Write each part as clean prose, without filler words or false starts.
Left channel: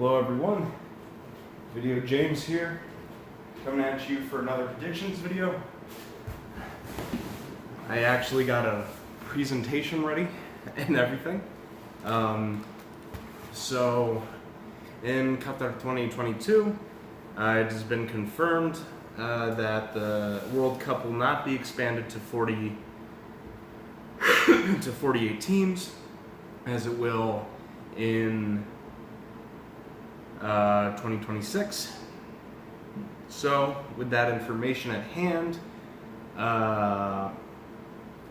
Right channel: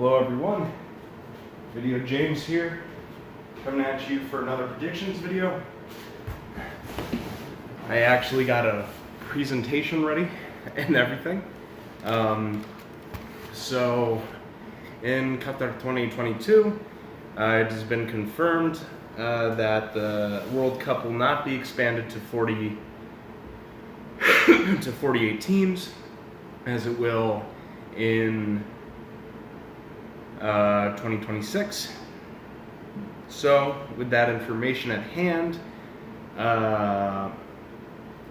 Hello everyone, Video James here, coming at you for another predictions video. I actually got a presentation ready and everything. So in Qatar 2022, it has been confirmed that the World Cup will not be expanded to 48 teams, as it will in 2026. So, with that information at hand, I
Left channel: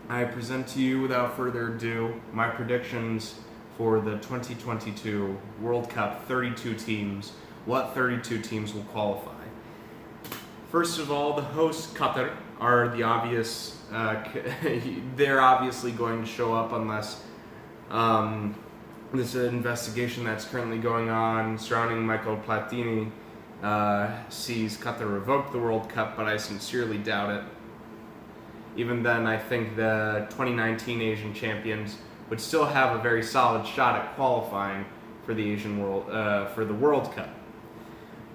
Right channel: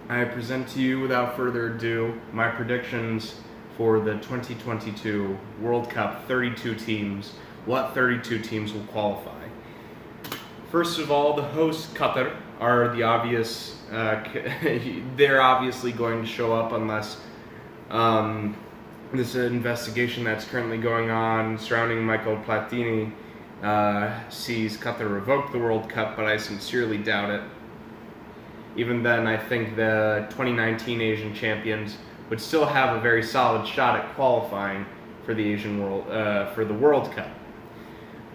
present to you, without further ado, my predictions for the 2022 World Cup 32 teams. What 32 teams will qualify? First of all, the hosts, Qatar, are the obvious. They're obviously going to show up unless this investigation that's currently going on surrounding Michael Platini sees Qatar revoke the World Cup, but I sincerely doubt it. Even then, I think the 2019 Asian champions would still have a very solid shot at qualifying for the for the World Cup.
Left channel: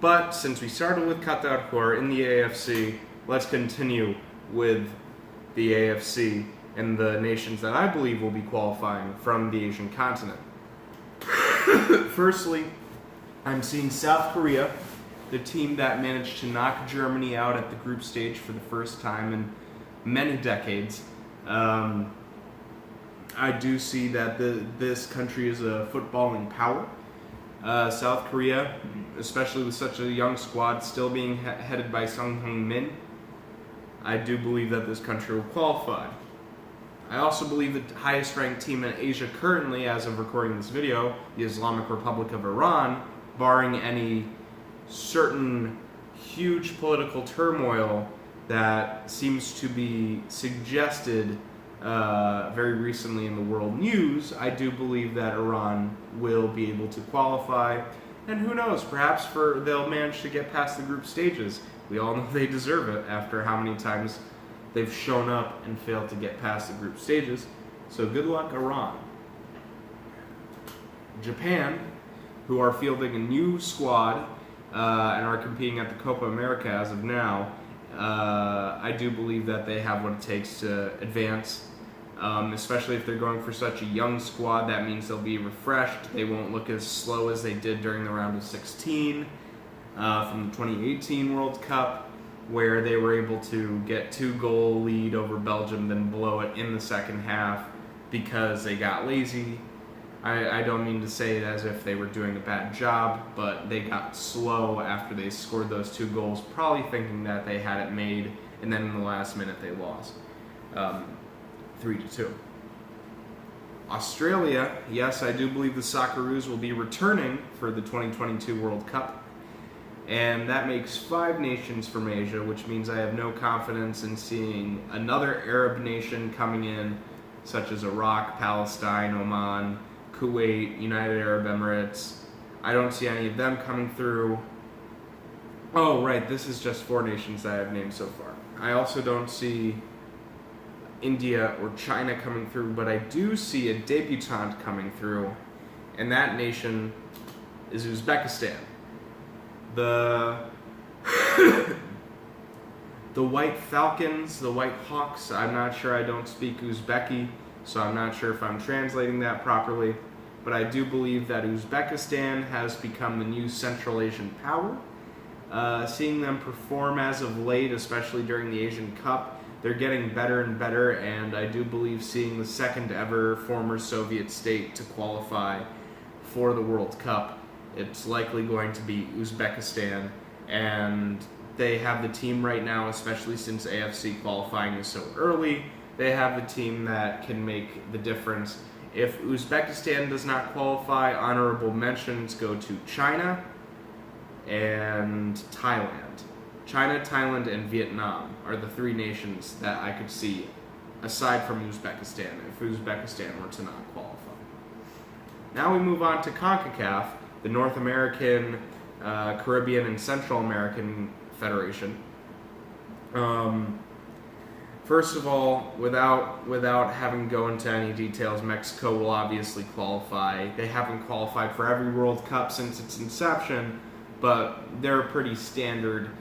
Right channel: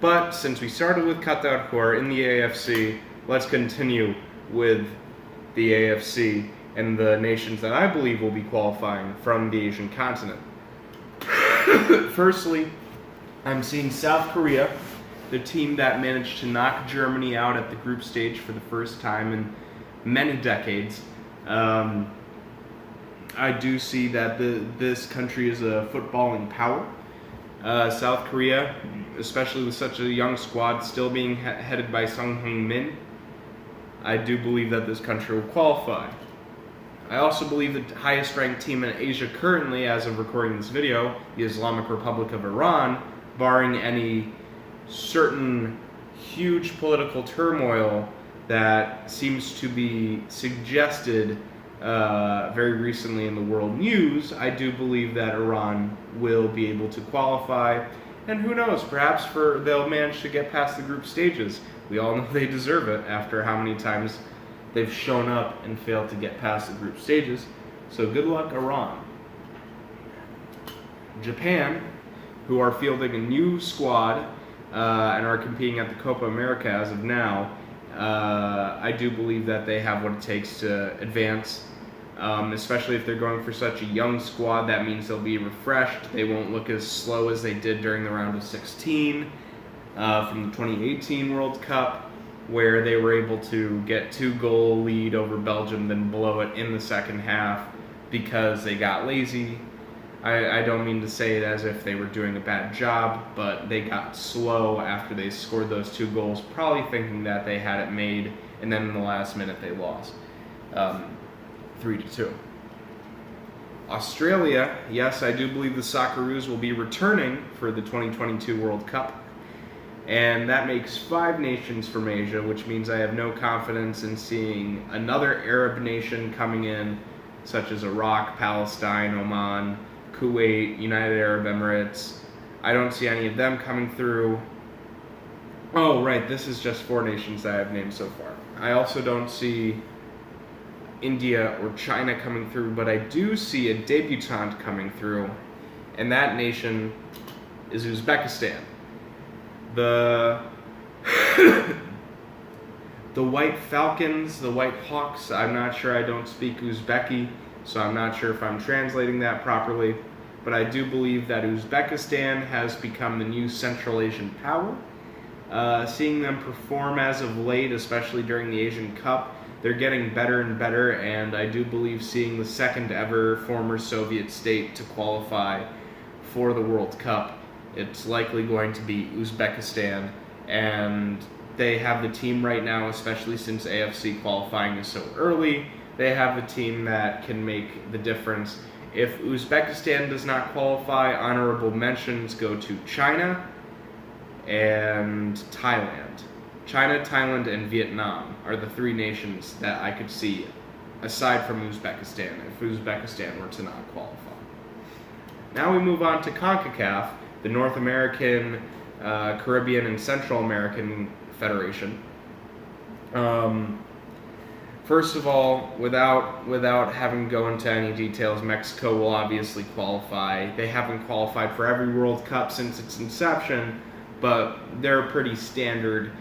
But since we started with Qatar, who are in the AFC, let's continue with the AFC and the nations that I believe will be qualifying from the Asian continent. Firstly, I'm seeing South Korea, the team that managed to knock Germany out at the group stage for the first time in many decades. I do see that this country is a footballing power. South Korea, especially with such a young squad, still being headed by Sung Heung-min, I do believe that this country will qualify. I also believe the highest ranked team in Asia currently, as of recording this video, the Islamic Republic of Iran, barring any certain huge political turmoil that seems to be suggested very recently in the world news. I do believe that Iran will be able to qualify, and who knows, perhaps they'll manage to get past the group stages. We all know they deserve it after how many times they've shown up and failed to get past the group stages. So good luck, Iran. Japan, who are fielding a new squad and are competing at the Copa America as of now, I do believe that they have what it takes to advance, especially if they're going for such a young squad. That means they'll be refreshed. They won't look as slow as they did during the round of 16 from the 2018 World Cup, where they were able to get 2-goal lead over Belgium, then blow it in the second half because they got lazy. I don't mean to say it as if they were doing a bad job, but they got slow after they scored those 2 goals, probably thinking that they had it made, and then in the last minute they lost 3-2. Australia, yes, I do believe the Socceroos will be returning for the 2022 World Cup. And that makes 5 nations from Asia, which means I have no confidence in seeing another Arab nation coming in, such as Iraq, Palestine, Oman, Kuwait, United Arab Emirates. I don't see any of them coming through. Oh, right, this is just 4 nations that I have named so far. I also don't see India or China coming through, but I do see a debutante coming through, and that nation is Uzbekistan. The White Falcons, the White Hawks, I'm not sure, I don't speak Uzbeki, so I'm not sure if I'm translating that properly, but I do believe that Uzbekistan has become the new Central Asian power. Seeing them perform as of late, especially during the Asian Cup, they're getting better and better, and I do believe seeing the second ever former Soviet state to qualify for the World Cup, it's likely going to be Uzbekistan, and they have the team right now, especially since AFC qualifying is so early. They have the team that can make the difference. If Uzbekistan does not qualify, honorable mentions go to China and Thailand. China, Thailand, and Vietnam are the 3 nations that I could see, aside from Uzbekistan, if Uzbekistan were to not qualify. Now we move on to CONCACAF, the North American, Caribbean, and Central American Federation. First of all, without having to go into any details, Mexico will obviously qualify. They haven't qualified for every World Cup since its inception, but they're a pretty standard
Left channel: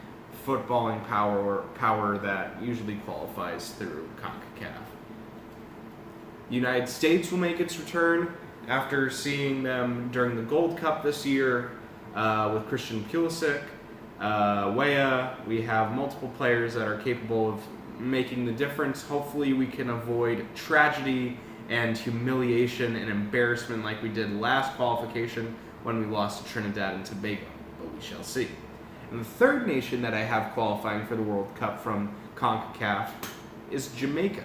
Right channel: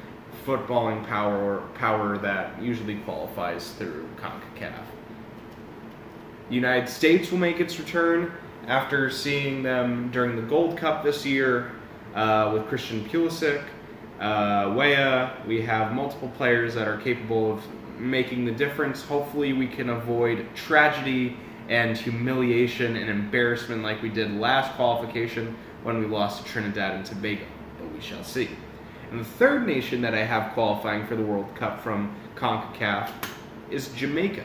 footballing power that usually qualifies through CONCACAF. The United States will make its return after seeing them during the Gold Cup this year with Christian Pulisic, Weah. We have multiple players that are capable of making the difference. Hopefully we can avoid tragedy and humiliation and embarrassment like we did last qualification when we lost to Trinidad and Tobago, but we shall see. And the third nation that I have qualifying for the World Cup from CONCACAF is Jamaica.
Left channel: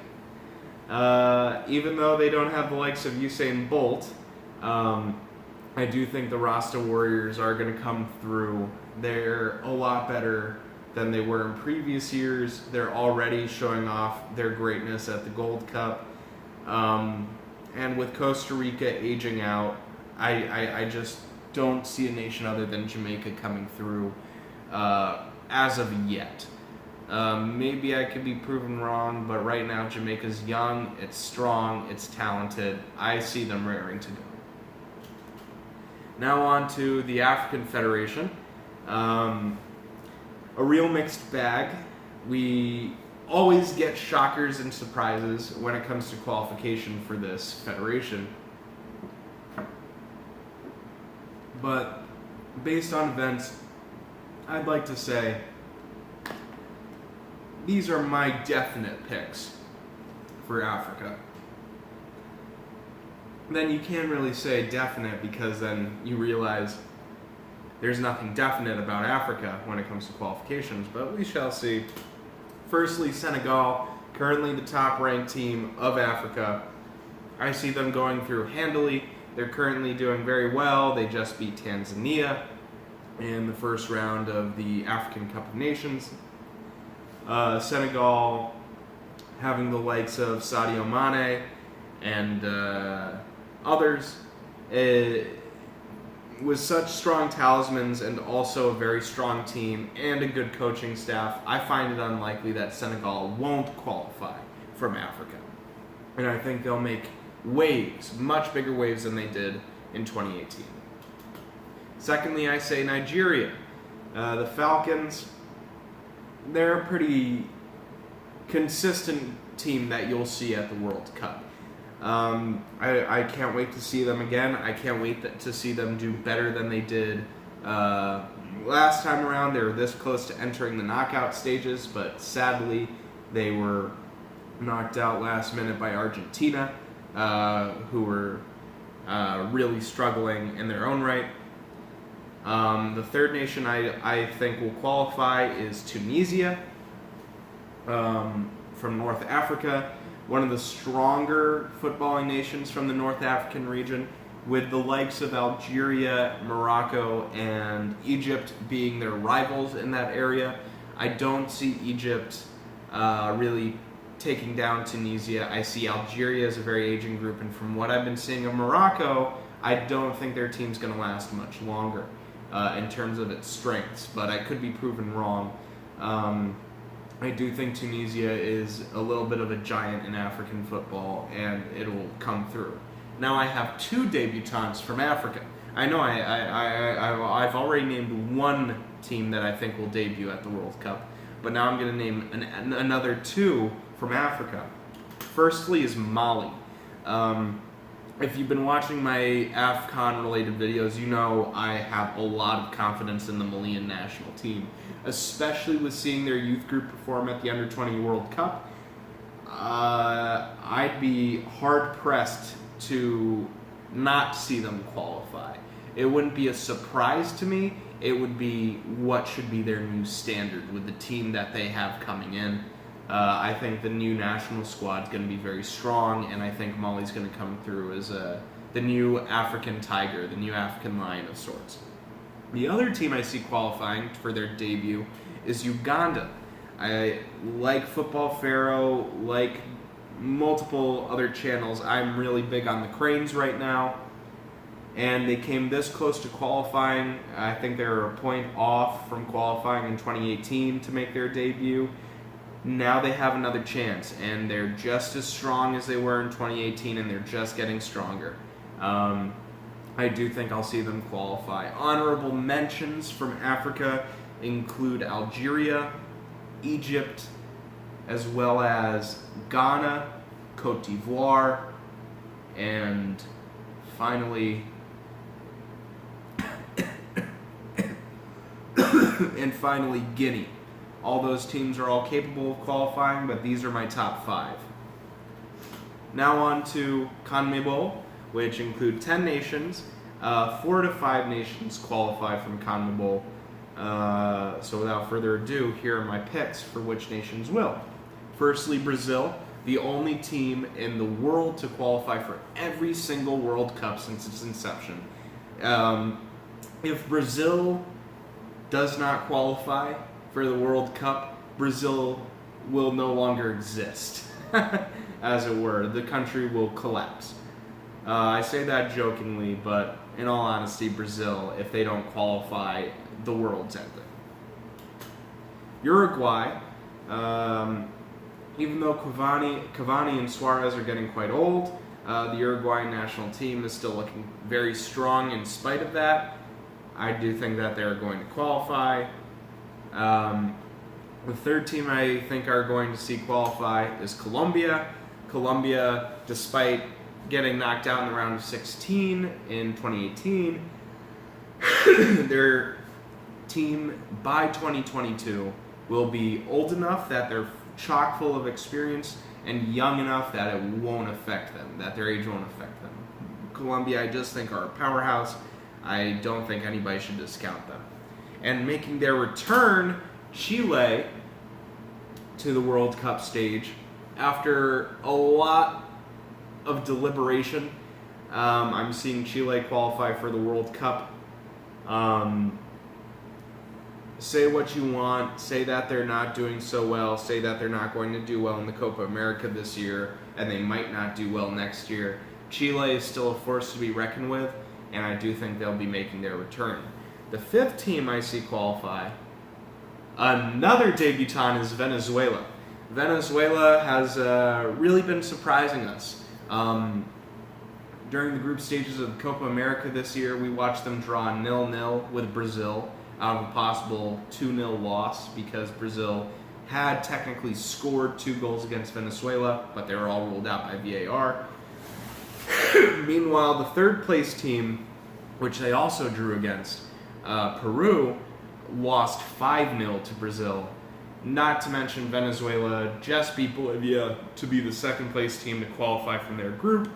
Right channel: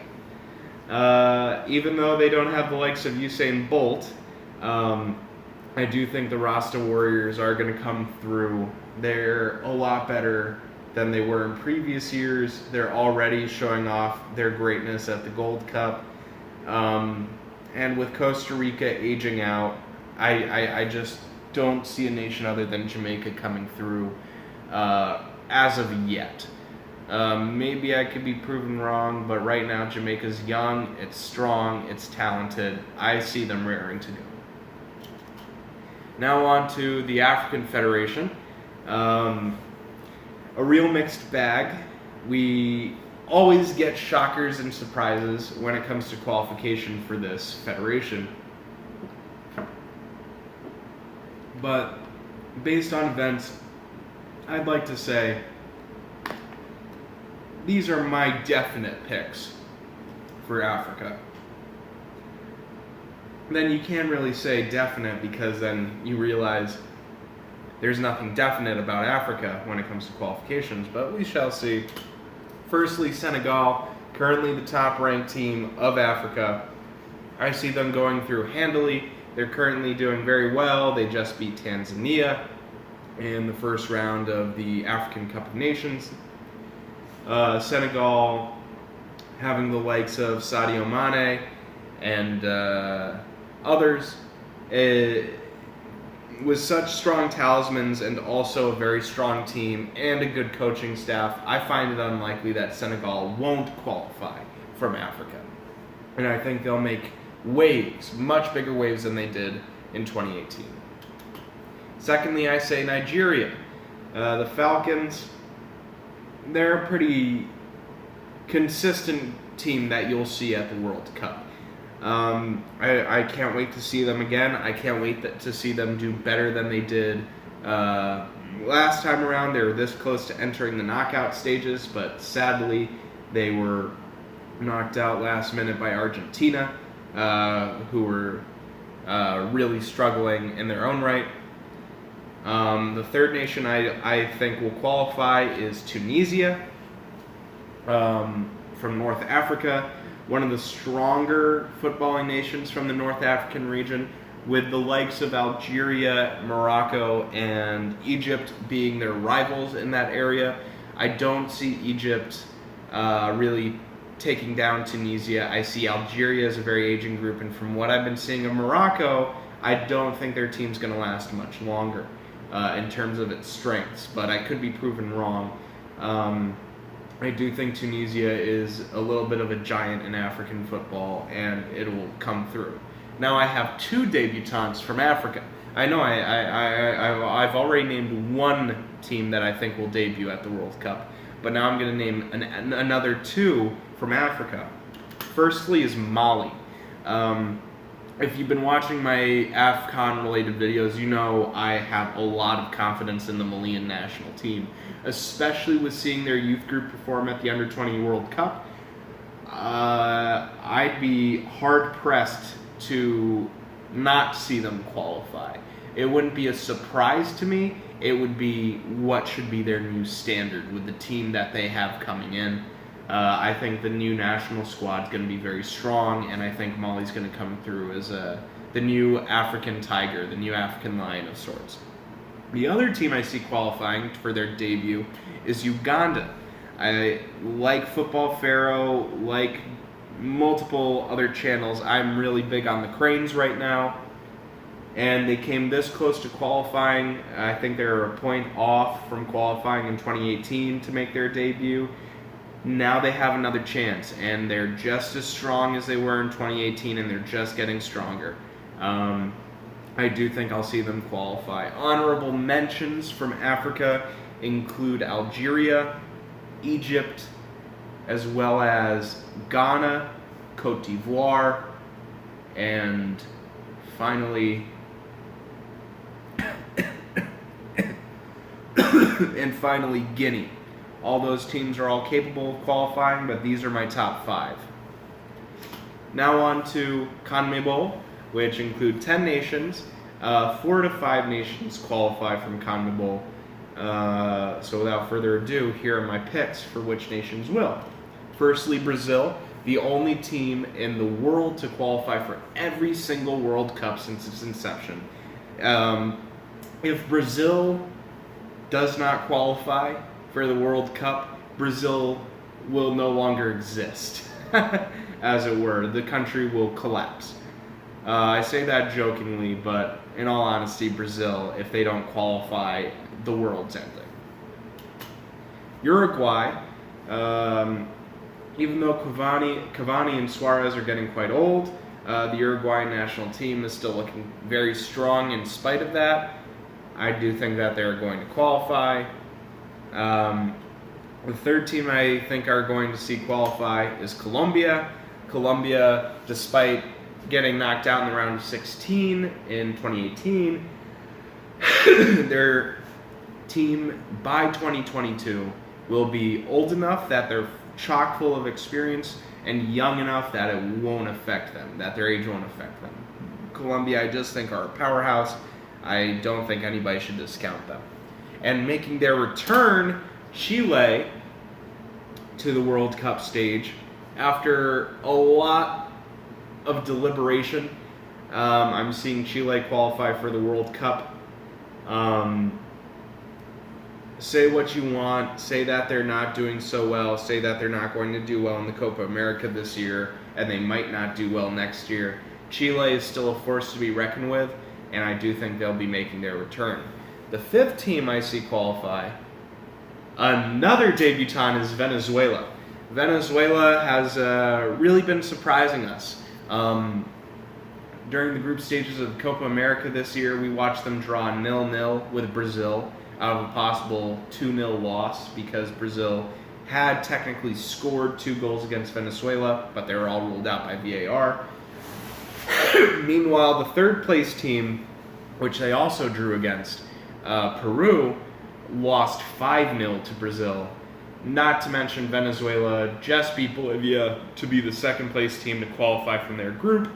Even though they don't have the likes of Usain Bolt, I do think the Rasta Warriors are going to come through. They're a lot better than they were in previous years. They're already showing off their greatness at the Gold Cup. And with Costa Rica aging out, I just don't see a nation other than Jamaica coming through as of yet. Maybe I could be proven wrong, but right now Jamaica's young, it's strong, it's talented. I see them raring to go. Now on to the African Federation. A real mixed bag. We always get shockers and surprises when it comes to qualification for this federation. But based on events, I'd like to say these are my definite picks for Africa. Then you can't really say definite because then you realize there's nothing definite about Africa when it comes to qualifications, but we shall see. Firstly, Senegal, currently the top-ranked team of Africa. I see them going through handily. They're currently doing very well. They just beat Tanzania in the first round of the African Cup of Nations. Senegal having the likes of Sadio Mane and others. With such strong talismans and also a very strong team and a good coaching staff, I find it unlikely that Senegal won't qualify from Africa. And I think they'll make waves, much bigger waves than they did in 2018. Secondly, I say Nigeria. The Falcons, they're a pretty consistent team that you'll see at the World Cup. I can't wait to see them again. I can't wait to see them do better than they did last time around. They were this close to entering the knockout stages, but sadly they were knocked out last minute by Argentina, who were really struggling in their own right. The third nation I think will qualify is Tunisia from North Africa. One of the stronger footballing nations from the North African region, with the likes of Algeria, Morocco, and Egypt being their rivals in that area. I don't see Egypt really taking down Tunisia. I see Algeria as a very aging group, and from what I've been seeing of Morocco, I don't think their team's going to last much longer in terms of its strengths, but I could be proven wrong. I do think Tunisia is a little bit of a giant in African football, and it will come through. Now I have two debutants from Africa. I know I've already named one team that I think will debut at the World Cup, but now I'm going to name another two from Africa. Firstly is Mali. If you've been watching my AFCON-related videos, you know I have a lot of confidence in the Malian national team, especially with seeing their youth group perform at the Under-20 World Cup. I'd be hard-pressed to not see them qualify. It wouldn't be a surprise to me. It would be what should be their new standard with the team that they have coming in. I think the new national squad is going to be very strong, and I think Mali's going to come through as the new African tiger, the new African lion of sorts. The other team I see qualifying for their debut is Uganda. I like Football Pharaoh, like multiple other channels. I'm really big on the Cranes right now, and they came this close to qualifying. I think they were a point off from qualifying in 2018 to make their debut. now they have another chance, and they're just as strong as they were in 2018, and they're just getting stronger. I do think I'll see them qualify. Honorable mentions from Africa include Algeria, Egypt, as well as Ghana, Cote d'Ivoire, and finally Guinea. All those teams are all capable of qualifying, but these are my top 5. Now on to CONMEBOL, which include 10 nations. 4 to 5 nations qualify from CONMEBOL. So without further ado, here are my picks for which nations will. Firstly, Brazil, the only team in the world to qualify for every single World Cup since its inception. If Brazil does not qualify for the World Cup, Brazil will no longer exist, as it were. The country will collapse. I say that jokingly, but in all honesty, Brazil, if they don't qualify, the world's ending. Uruguay, even though Cavani and Suarez are getting quite old, the Uruguayan national team is still looking very strong in spite of that. I do think that they're going to qualify. The third team I think are going to see qualify is Colombia. Colombia, despite getting knocked out in the round of 16 in 2018, their team by 2022 will be old enough that they're chock full of experience and young enough that it won't affect them, that their age won't affect them. Colombia, I just think, are a powerhouse. I don't think anybody should discount them. And making their return, Chile, to the World Cup stage after a lot of deliberation. I'm seeing Chile qualify for the World Cup. Say what you want, say that they're not doing so well, say that they're not going to do well in the Copa America this year, and they might not do well next year. Chile is still a force to be reckoned with, and I do think they'll be making their return. The fifth team I see qualify, another debutant, is Venezuela. Venezuela has really been surprising us. During the group stages of the Copa America this year, we watched them draw 0-0 with Brazil out of a possible 2-0 loss because Brazil had technically scored 2 goals against Venezuela, but they were all ruled out by VAR. Meanwhile, the third place team, which they also drew against, Peru, lost 5-0 to Brazil. Not to mention Venezuela just beat Bolivia to be the second place team to qualify from their group.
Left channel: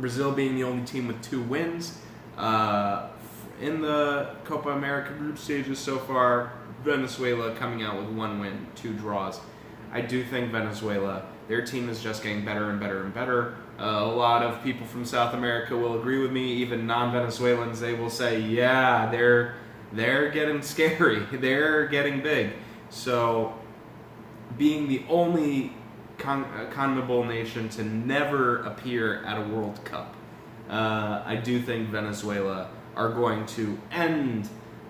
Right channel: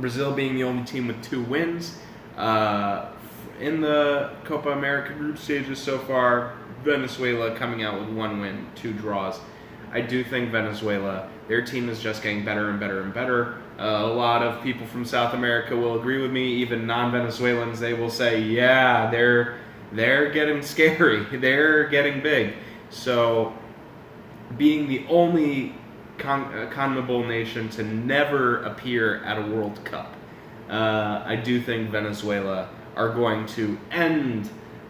Brazil being the only team with 2 wins. In the Copa America group stages so far, Venezuela coming out with 1 win, 2 draws. I do think Venezuela, their team is just getting better and better and better. A lot of people from South America will agree with me, even non-Venezuelans. They will say, yeah, they're getting scary. They're getting big. So, being the only CONMEBOL nation to never appear at a World Cup, I do think Venezuela are going to end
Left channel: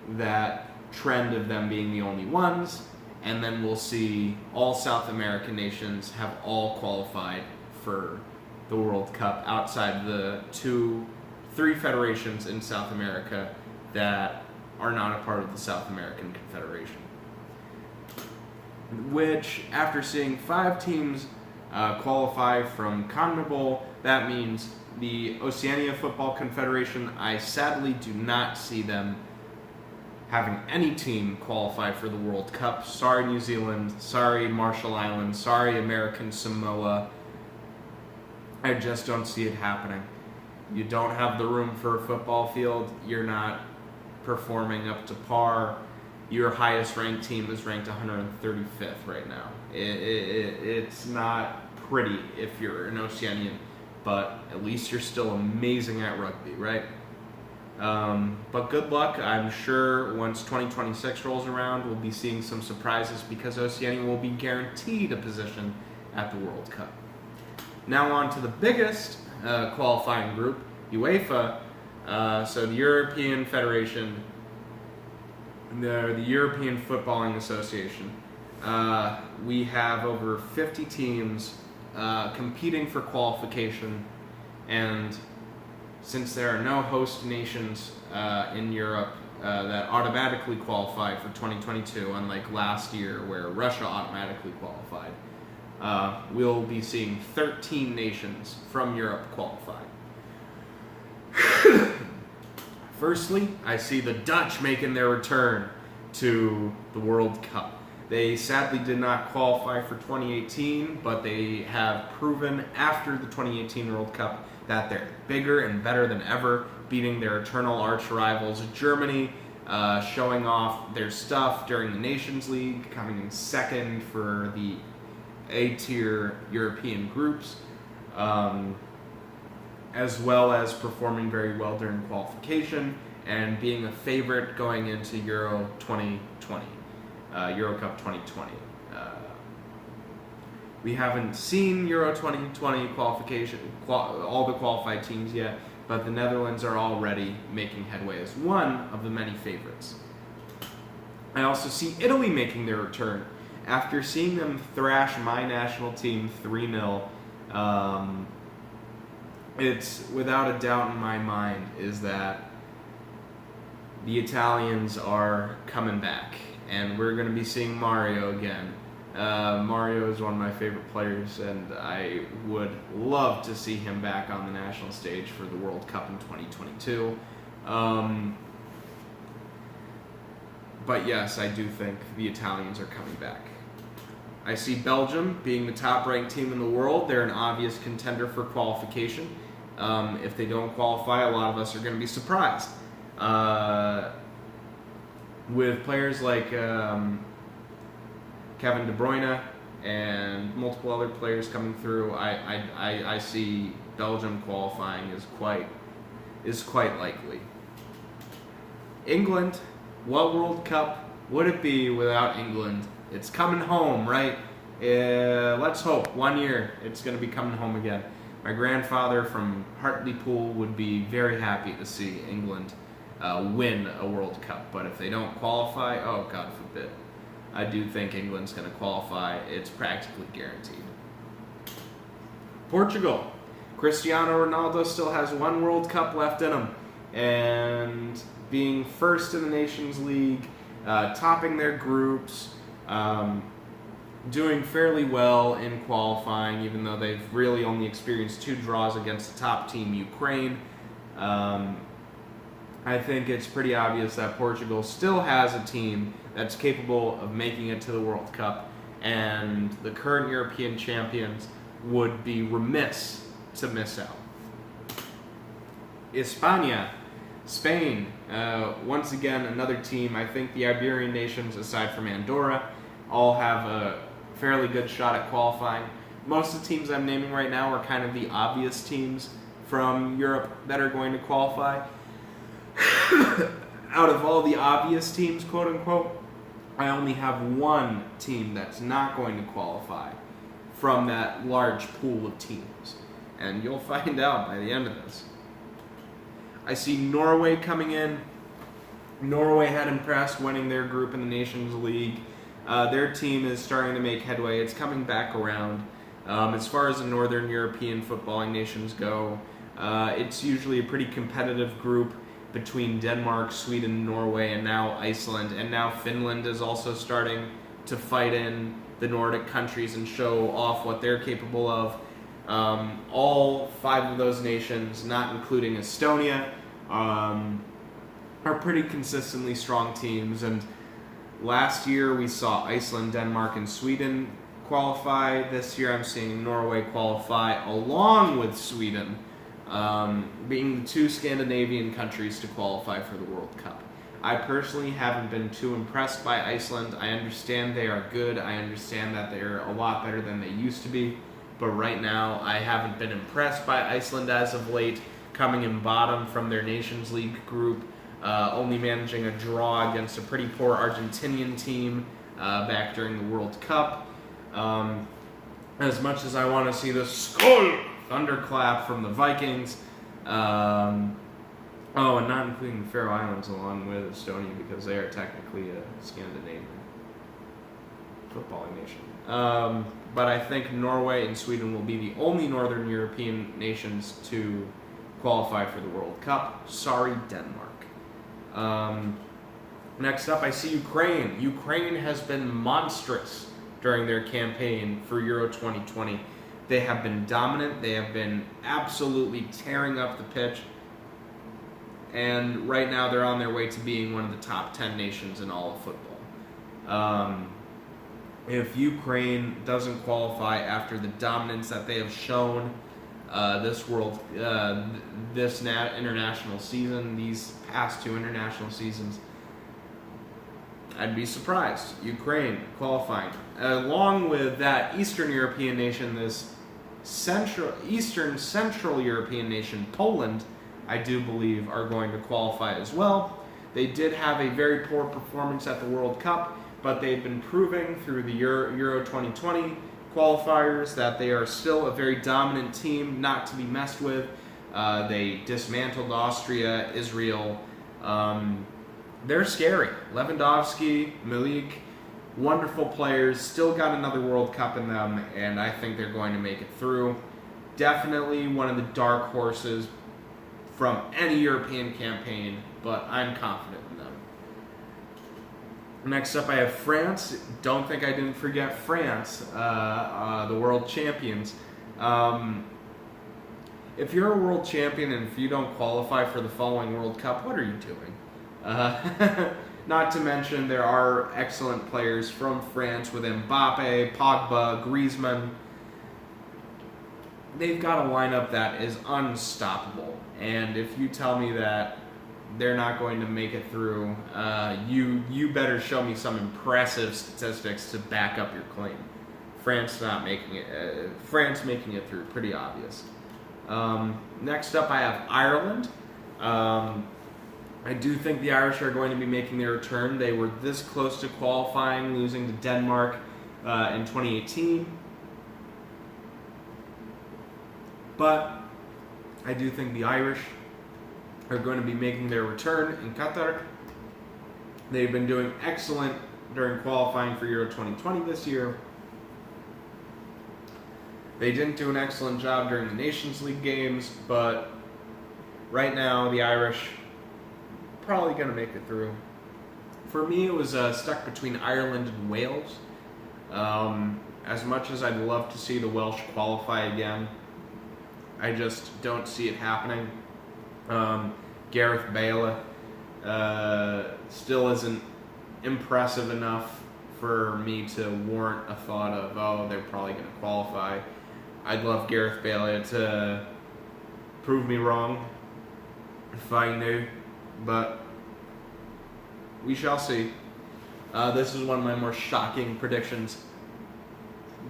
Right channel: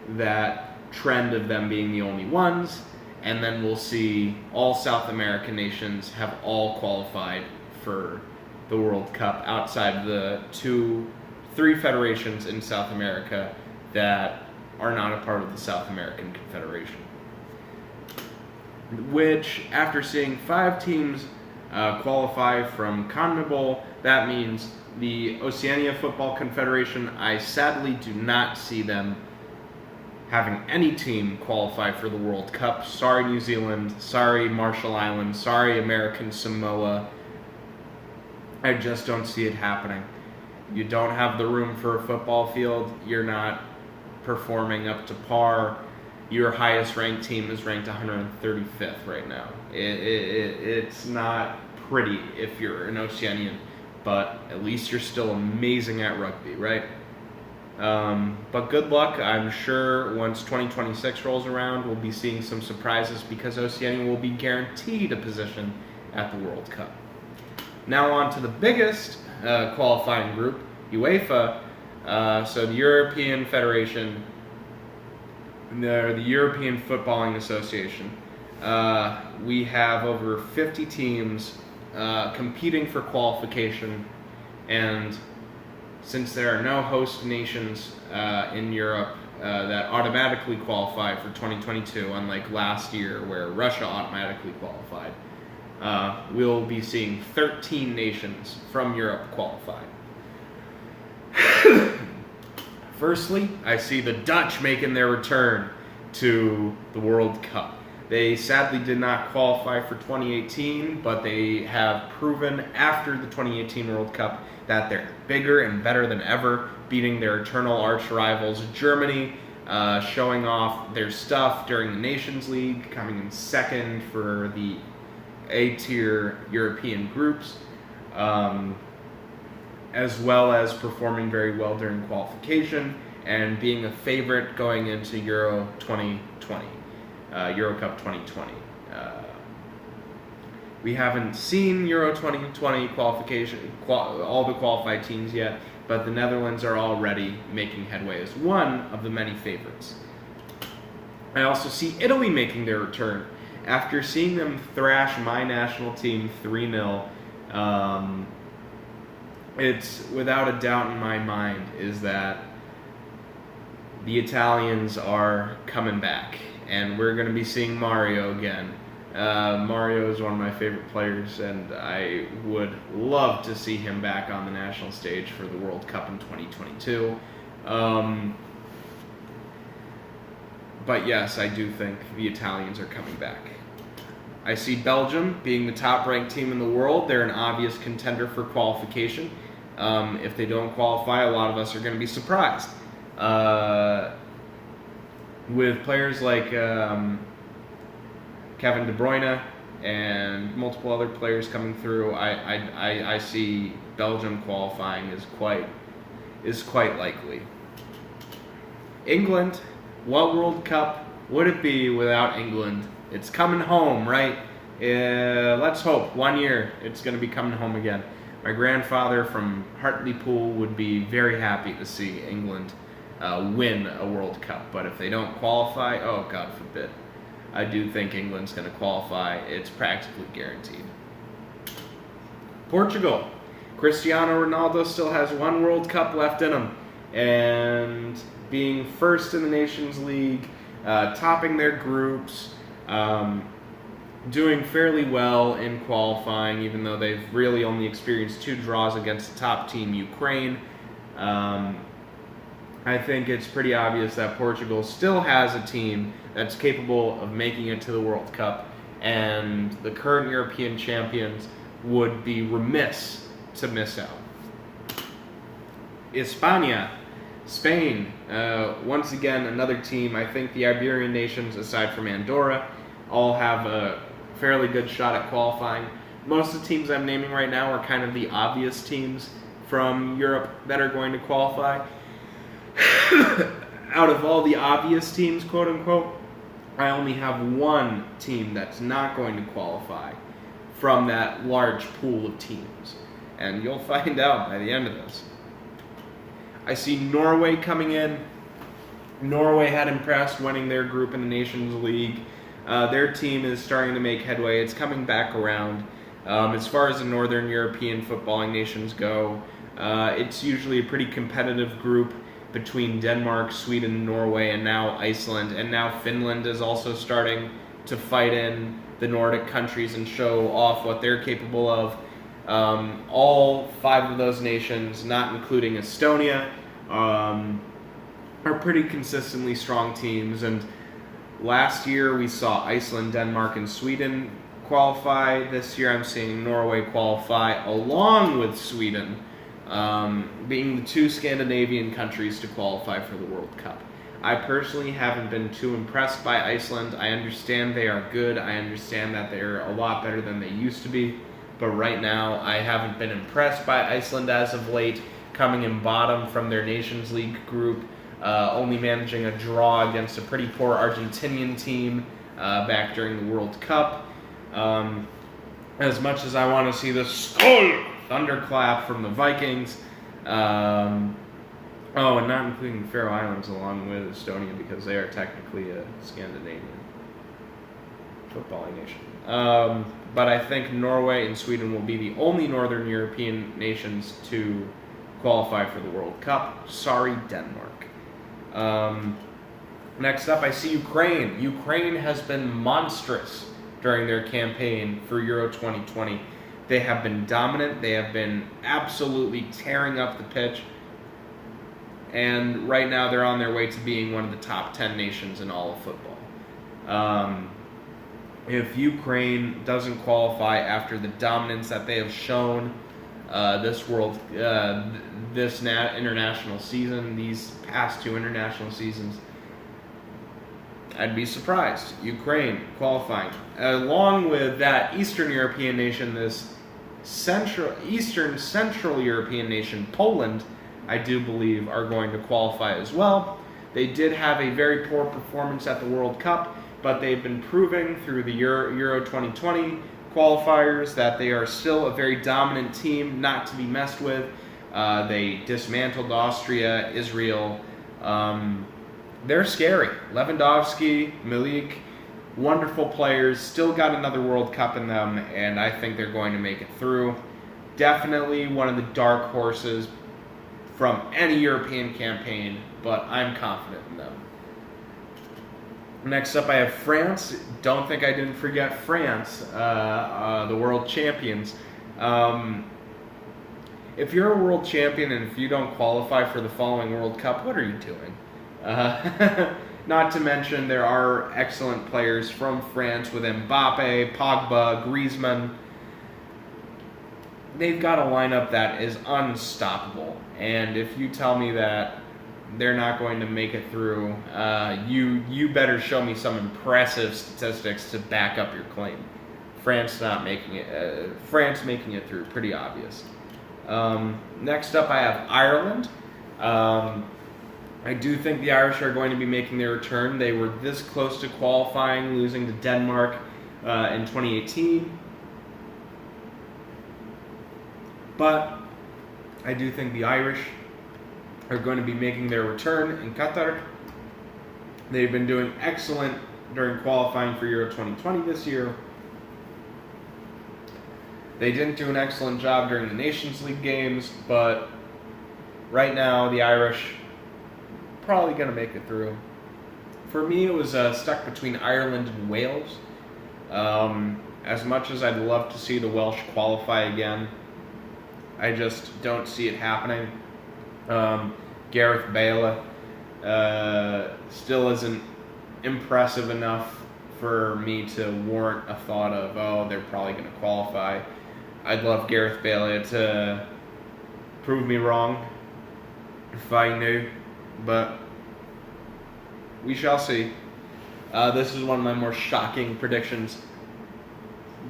that trend of them being the only ones, and then we'll see all South American nations have all qualified for the World Cup outside the 3 federations in South America that are not a part of the South American Confederation. Which, after seeing 5 teams qualify from CONMEBOL, that means the Oceania Football Confederation, I sadly do not see them having any team qualify for the World Cup. Sorry, New Zealand. Sorry, Marshall Islands. Sorry, American Samoa. I just don't see it happening. You don't have the room for a football field. You're not performing up to par. Your highest ranked team is ranked 135th right now. It's not pretty if you're an Oceanian, but at least you're still amazing at rugby, right? But good luck. I'm sure once 2026 rolls around, we'll be seeing some surprises because Oceania will be guaranteed a position at the World Cup. Now on to the biggest qualifying group, UEFA. So the European Federation, the European Footballing Association. we have over 50 teams competing for qualification, and since there are no host nations in Europe that automatically qualify for 2022, unlike last year where Russia automatically qualified, we'll be seeing 13 nations from Europe qualify. Firstly, I see the Dutch making their return to the World Cup. They sadly did not qualify for 2018, but they have proven after the 2018 World Cup that they're bigger and better than ever, beating their eternal arch rivals Germany, showing off their stuff during the Nations League, coming in second for the A-tier European groups, as well as performing very well during qualification and being a favorite going into Euro 2020, Euro Cup 2020. We haven't seen Euro 2020 qualification, all the qualified teams yet, but the Netherlands are already making headway as one of the many favorites. I also see Italy making their return. After seeing them thrash my national team 3-0, it's without a doubt in my mind is that the Italians are coming back, and we're going to be seeing Mario again. Mario is one of my favorite players, and I would love to see him back on the national stage for the World Cup in 2022. But yes, I do think the Italians are coming back. I see Belgium being the top-ranked team in the world. They're an obvious contender for qualification. If they don't qualify, a lot of us are going to be surprised. With players like Kevin De Bruyne and multiple other players coming through, I see Belgium qualifying is quite likely. England, what World Cup would it be without England? It's coming home, right? Let's hope. 1 year, it's going to be coming home again. My grandfather from Hartlepool would be very happy to see England win a World Cup. But if they don't qualify, oh, God forbid. I do think England's going to qualify. It's practically guaranteed. Portugal. Cristiano Ronaldo still has one World Cup left in him. And being first in the Nations League, topping their groups, doing fairly well in qualifying, even though they've really only experienced 2 draws against the top team, Ukraine. I think it's pretty obvious that Portugal still has a team that's capable of making it to the World Cup, and the current European champions would be remiss to miss out. España, Spain, once again, another team. I think the Iberian nations, aside from Andorra, all have a fairly good shot at qualifying. Most of the teams I'm naming right now are kind of the obvious teams from Europe that are going to qualify. Out of all the obvious teams, quote unquote, I only have one team that's not going to qualify from that large pool of teams. And you'll find out by the end of this. I see Norway coming in. Norway had impressed winning their group in the Nations League. Their team is starting to make headway. It's coming back around. As far as the Northern European footballing nations go, it's usually a pretty competitive group between Denmark, Sweden, Norway, and now Iceland. And now Finland is also starting to fight in the Nordic countries and show off what they're capable of. All 5 of those nations, not including Estonia, are pretty consistently strong teams. And last year we saw Iceland, Denmark, and Sweden qualify. This year I'm seeing Norway qualify along with Sweden, being the 2 Scandinavian countries to qualify for the World Cup. I personally haven't been too impressed by Iceland. I understand they are good. I understand that they're a lot better than they used to be. But right now, I haven't been impressed by Iceland as of late, coming in bottom from their Nations League group, only managing a draw against a pretty poor Argentinian team back during the World Cup. As much as I want to see the Skol thunderclap from the Vikings, and not including the Faroe Islands along with Estonia because they are technically Scandinavian. footballing nation. But I think Norway and Sweden will be the only Northern European nations to qualify for the World Cup. Sorry, Denmark. Next up, I see Ukraine. Ukraine has been monstrous during their campaign for Euro 2020. They have been dominant. They have been absolutely tearing up the pitch. And right now they're on their way to being one of the top 10 nations in all of football. If Ukraine doesn't qualify after the dominance that they have shown this international season, these past two international seasons, I'd be surprised. Ukraine qualifying. Along with that Eastern European nation, this Eastern Central European nation, Poland, I do believe are going to qualify as well. They did have a very poor performance at the World Cup, but they've been proving through the Euro 2020 qualifiers that they are still a very dominant team, not to be messed with. They dismantled Austria, Israel. They're scary. Lewandowski, Milik, wonderful players, still got another World Cup in them, and I think they're going to make it through. Definitely one of the dark horses from any European campaign, but I'm confident in them. Next up, I have France. Don't think I didn't forget France, the world champions. If you're a world champion and if you don't qualify for the following World Cup, what are you doing? Not to mention there are excellent players from France with Mbappe, Pogba, Griezmann. They've got a lineup that is unstoppable. And if you tell me that they're not going to make it through, you better show me some impressive statistics to back up your claim. France making it through, pretty obvious. Next up, I have Ireland. I do think the Irish are going to be making their return. They were this close to qualifying, losing to Denmark in 2018. But I do think the Irish are going to be making their return in Qatar. They've been doing excellent during qualifying for Euro 2020 this year. They didn't do an excellent job during the Nations League games, but right now the Irish probably going to make it through. For me, it was stuck between Ireland and Wales. As much as I'd love to see the Welsh qualify again, I just don't see it happening. Gareth Bale still isn't impressive enough for me to warrant a thought of, oh, they're probably going to qualify. I'd love Gareth Bale to prove me wrong if I knew, but we shall see. This is one of my more shocking predictions.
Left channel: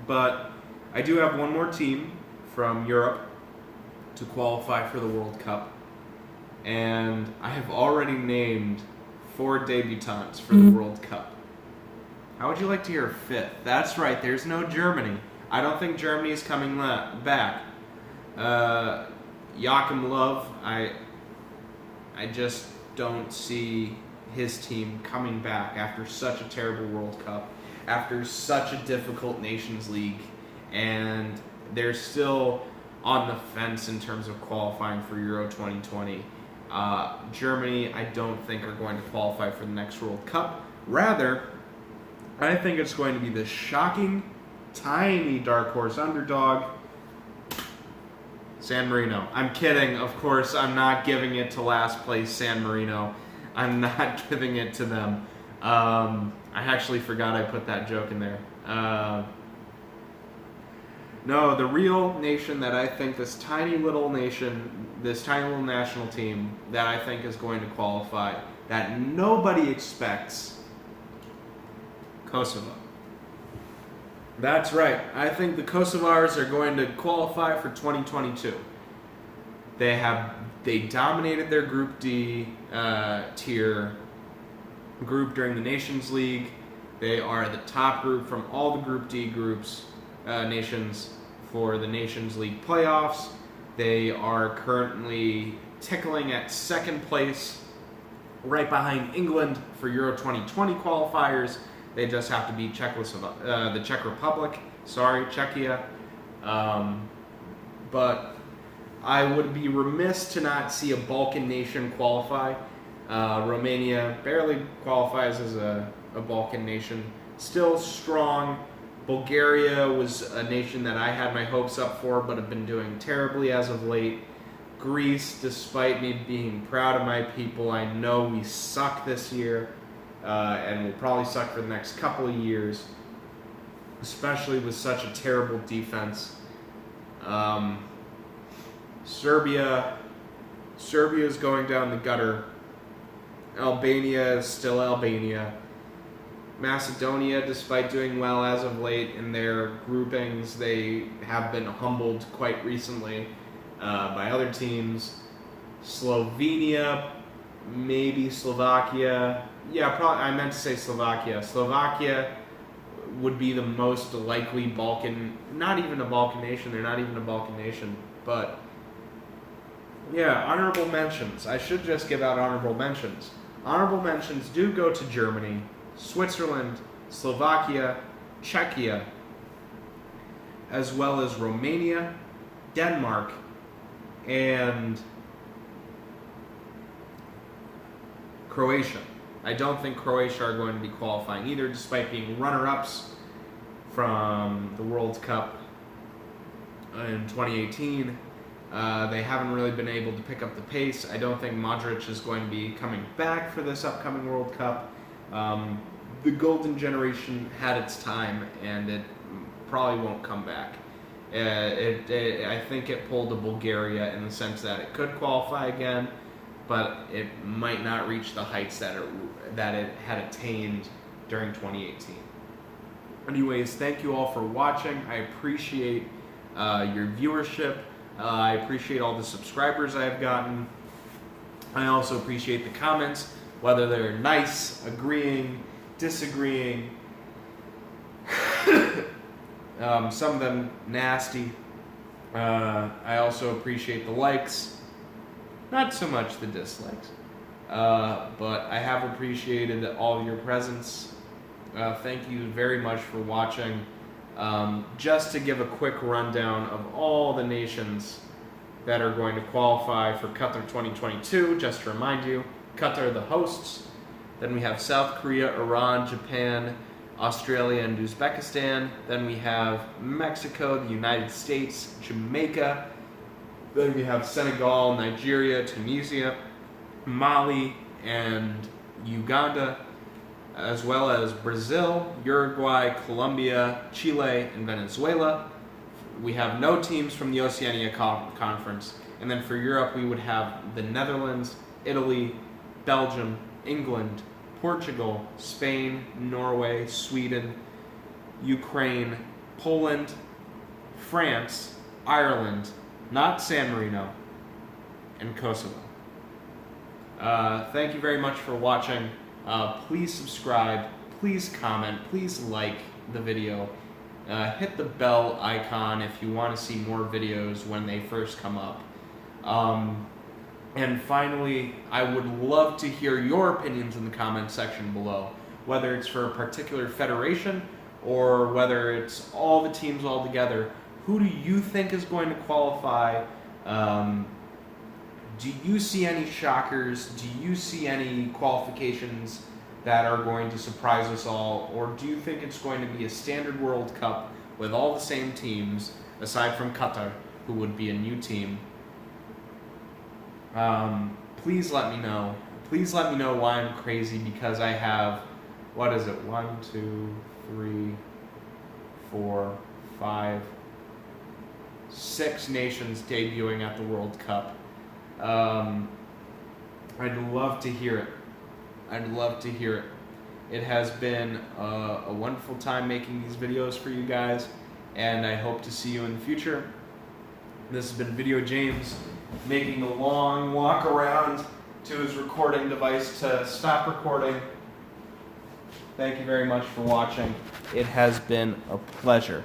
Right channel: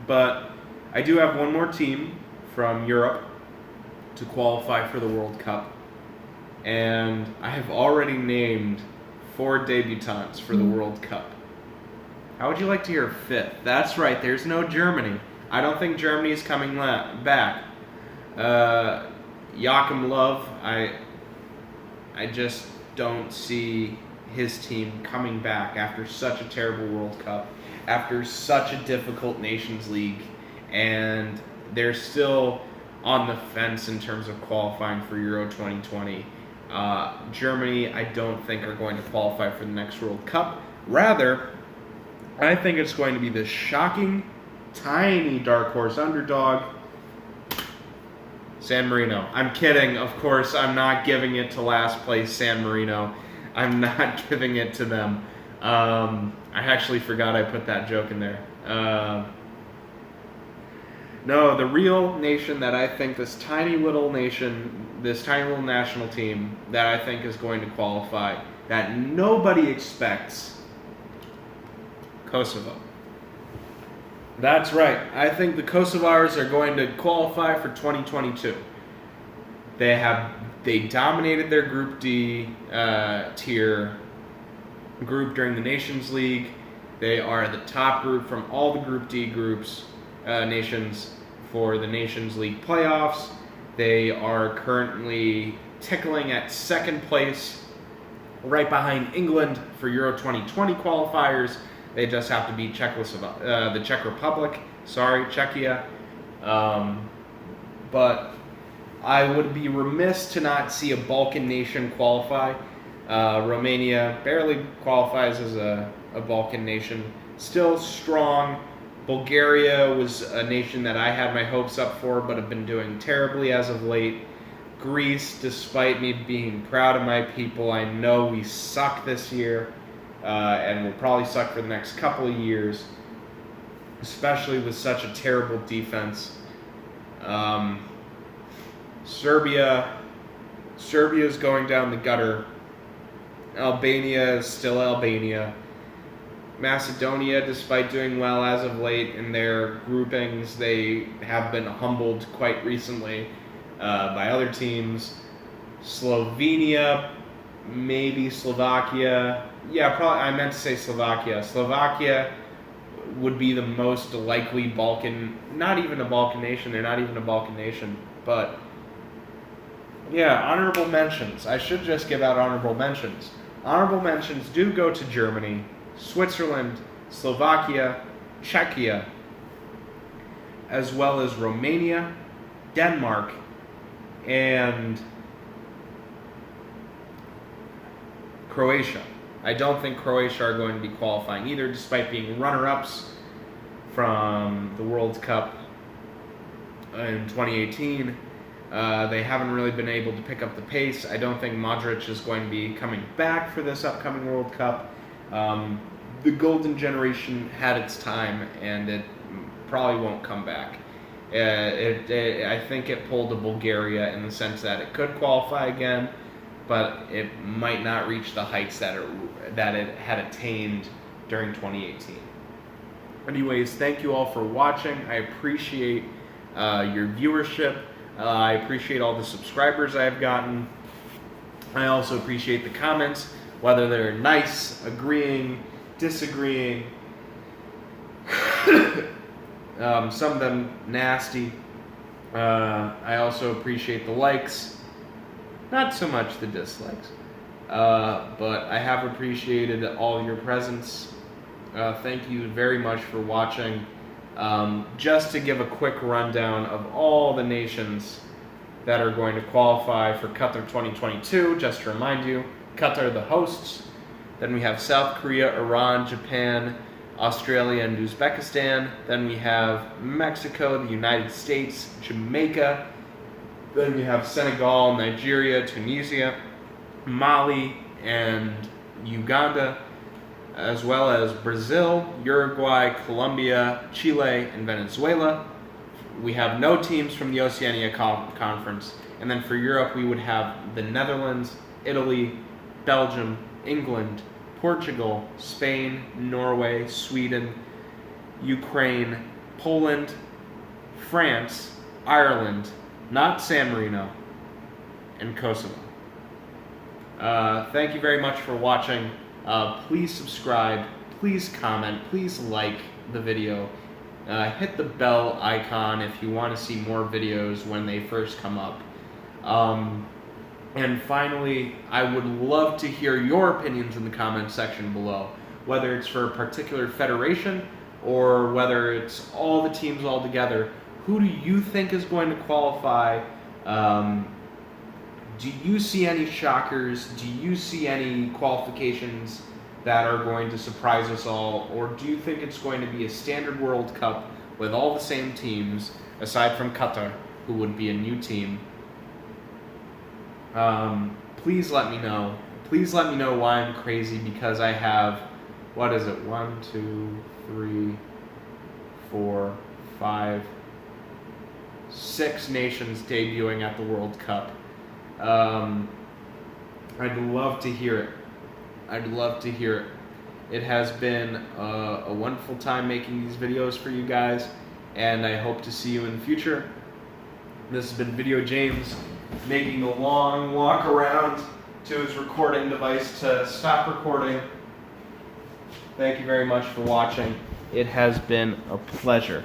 But I do have one more team from Europe to qualify for the World Cup. And I have already named 4 debutants for the World Cup. How would you like to hear a fifth? That's right, there's no Germany. I don't think Germany is coming back. Joachim Löw, I just don't see his team coming back after such a terrible World Cup, after such a difficult Nations League, and they're still on the fence in terms of qualifying for Euro 2020. Germany, I don't think, are going to qualify for the next World Cup. Rather, I think it's going to be this shocking, tiny dark horse underdog, San Marino. I'm kidding, of course. I'm not giving it to last place San Marino. I'm not giving it to them. I actually forgot I put that joke in there. No, the real nation that I think, this tiny little national team that I think is going to qualify, that nobody expects, Kosovo. That's right. I think the Kosovars are going to qualify for 2022. They dominated their Group D tier group during the Nations League. They are the top group from all the Group D nations for the Nations League playoffs. They are currently tickling at second place, right behind England for Euro 2020 qualifiers. They just have to beat the Czech Republic. Sorry, Czechia. But I would be remiss to not see a Balkan nation qualify. Romania barely qualifies as a Balkan nation. Still strong. Bulgaria was a nation that I had my hopes up for, but have been doing terribly as of late. Greece, despite me being proud of my people, I know we suck this year, and will probably suck for the next couple of years, especially with such a terrible defense. Serbia's going down the gutter. Albania is still Albania. Macedonia, despite doing well as of late in their groupings, they have been humbled quite recently by other teams. Slovenia, maybe Slovakia. Yeah, probably. I meant to say Slovakia. Slovakia would be the most likely Balkan, not even a Balkan nation. They're not even a Balkan nation, but yeah, honorable mentions. I should just give out honorable mentions. Honorable mentions do go to Germany, Switzerland, Slovakia, Czechia, as well as Romania, Denmark, and Croatia. I don't think Croatia are going to be qualifying either, despite being runner-ups from the World Cup in 2018. They haven't really been able to pick up the pace. I don't think Modric is going to be coming back for this upcoming World Cup. The golden generation had its time, and it probably won't come back. I think it pulled a Bulgaria in the sense that it could qualify again, but it might not reach the heights that it had attained during 2018. Anyways, thank you all for watching. I appreciate your viewership. I appreciate all the subscribers I've gotten. I also appreciate the comments, whether they're nice, agreeing, disagreeing, some of them nasty. I also appreciate the likes, not so much the dislikes, but I have appreciated all your presence. Thank you very much for watching. Just to give a quick rundown of all the nations that are going to qualify for Qatar 2022, just to remind you, Qatar are the hosts. Then we have South Korea, Iran, Japan, Australia, and Uzbekistan. Then we have Mexico, the United States, Jamaica. Then we have Senegal, Nigeria, Tunisia, Mali, and Uganda, as well as Brazil, Uruguay, Colombia, Chile, and Venezuela. We have no teams from the Oceania Conference. And then for Europe, we would have the Netherlands, Italy, Belgium, England, Portugal, Spain, Norway, Sweden, Ukraine, Poland, France, Ireland, not San Marino, and Kosovo. Thank you very much for watching. Please subscribe, please comment, please like the video. Hit the bell icon if you want to see more videos when they first come up. And finally, I would love to hear your opinions in the comment section below, whether it's for a particular federation or whether it's all the teams all together. Who do you think is going to qualify? Do you see any shockers? Do you see any qualifications that are going to surprise us all? Or do you think it's going to be a standard World Cup with all the same teams, aside from Qatar, who would be a new team? Please let me know. Please let me know why I'm crazy, because I have, 1, 2, 3, 4, 5, 6 nations debuting at the World Cup. I'd love to hear it. I'd love to hear it. It has been a wonderful time making these videos for you guys, and I hope to see you in the future. This has been Video James, making the long walk around to his recording device to stop recording. Thank you very much for watching. It has been a pleasure.